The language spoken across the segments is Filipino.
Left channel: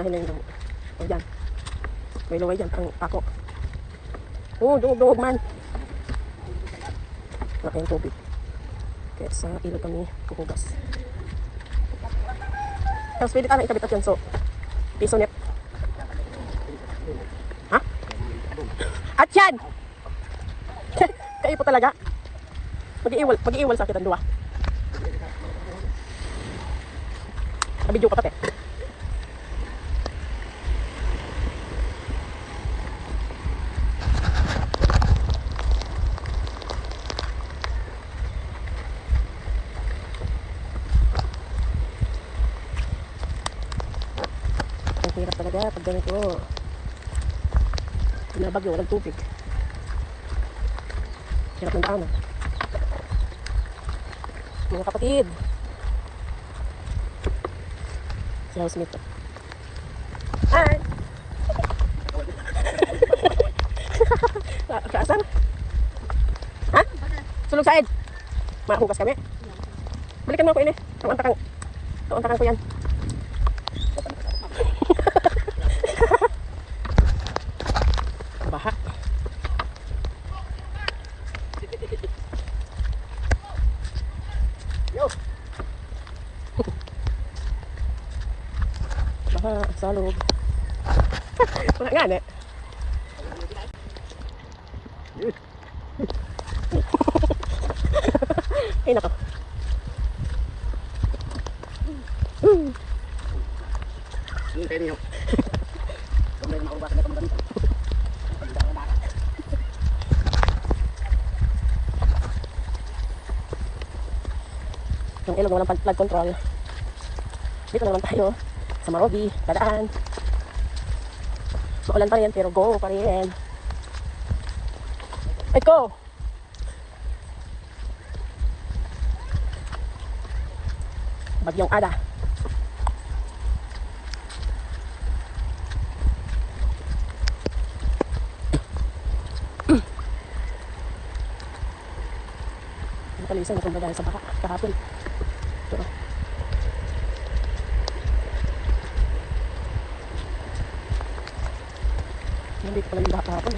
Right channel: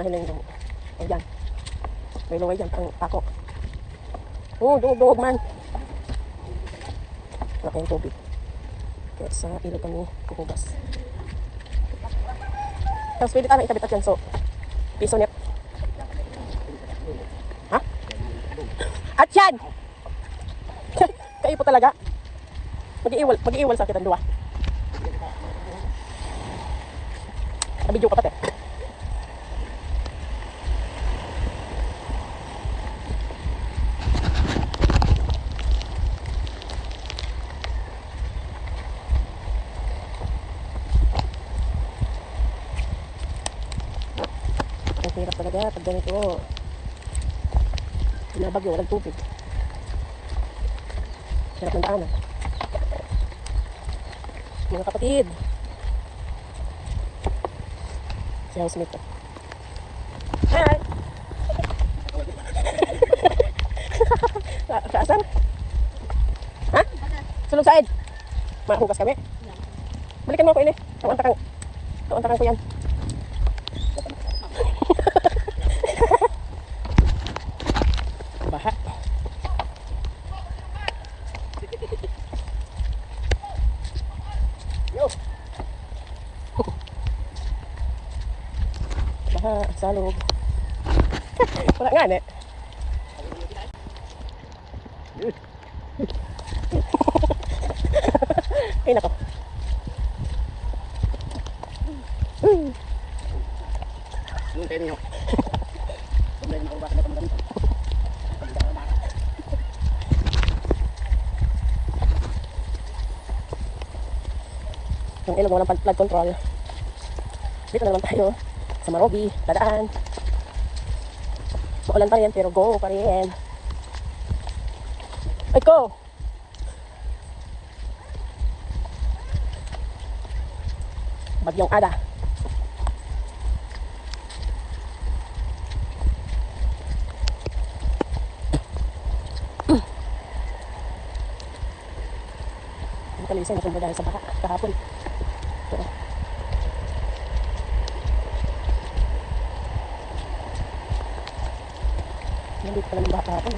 Dahil lang yung ayan. May lungay dyan, ang ako. Oh, duog man. Laki yung tubig. Kaya sa ilog kami kukugas. Tapos pwede tayo ikabit at yan. So, piso net. Ha? At yan! Kayo po talaga. Mag-iiwal sa kitan dua. Nabidyo ko tate. Ang hirap talaga pag ganito. Binabagyo, walang tubig. Hirap ng tama. Mga kapatid. Si housemate ko. Hi! Kaasan? Ha? Sulog said? Mahugas kami? Balikan mo ako ini. Tuantakan ko yan. Baha. Baha, salog. Wala nga na. Ay nako. Yung tayo niyo. May maubas na kami. Yung ilog walang flood control. Dito naman tayo sa Marobi, dadaan. Maulan pa rin pero go pa rin. Ikaw! Bagyong Ada. Nakalisan na kung dahil sa baka kahapon. Ito. Nandito pala ng baka kahapon.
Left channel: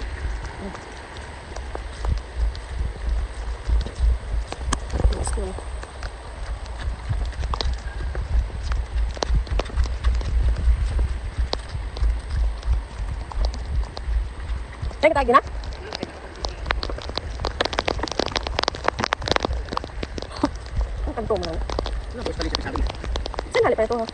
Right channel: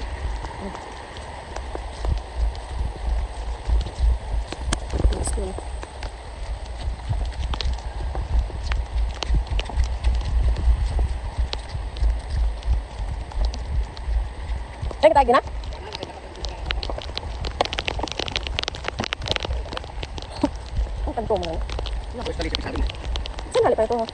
Teka tayo na? Ang kanto mo na. Ano ba yung sabi mo? Saan hali pa ito ha?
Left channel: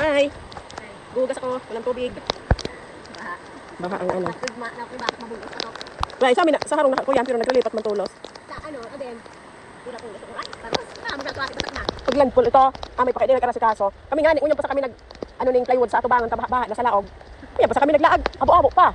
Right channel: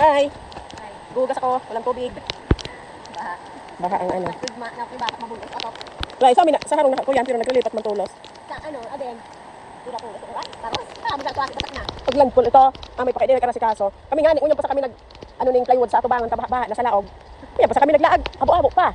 Hi! Gugas ako, walang tubig. Baha ang ano. Right, sa amin sa harong na kuyan pero naglilipat man tulos. Sa ano, aben. Ira ko ito. Tapos magatuwa batak na. Paglagpol ito, may pakainin ka na si kaso. Kami nga ni unya pa sa kami nag ano ning plywood sa atubangan kabaha na sa laog. Unya pa sa kami naglaag, abo-abo pa.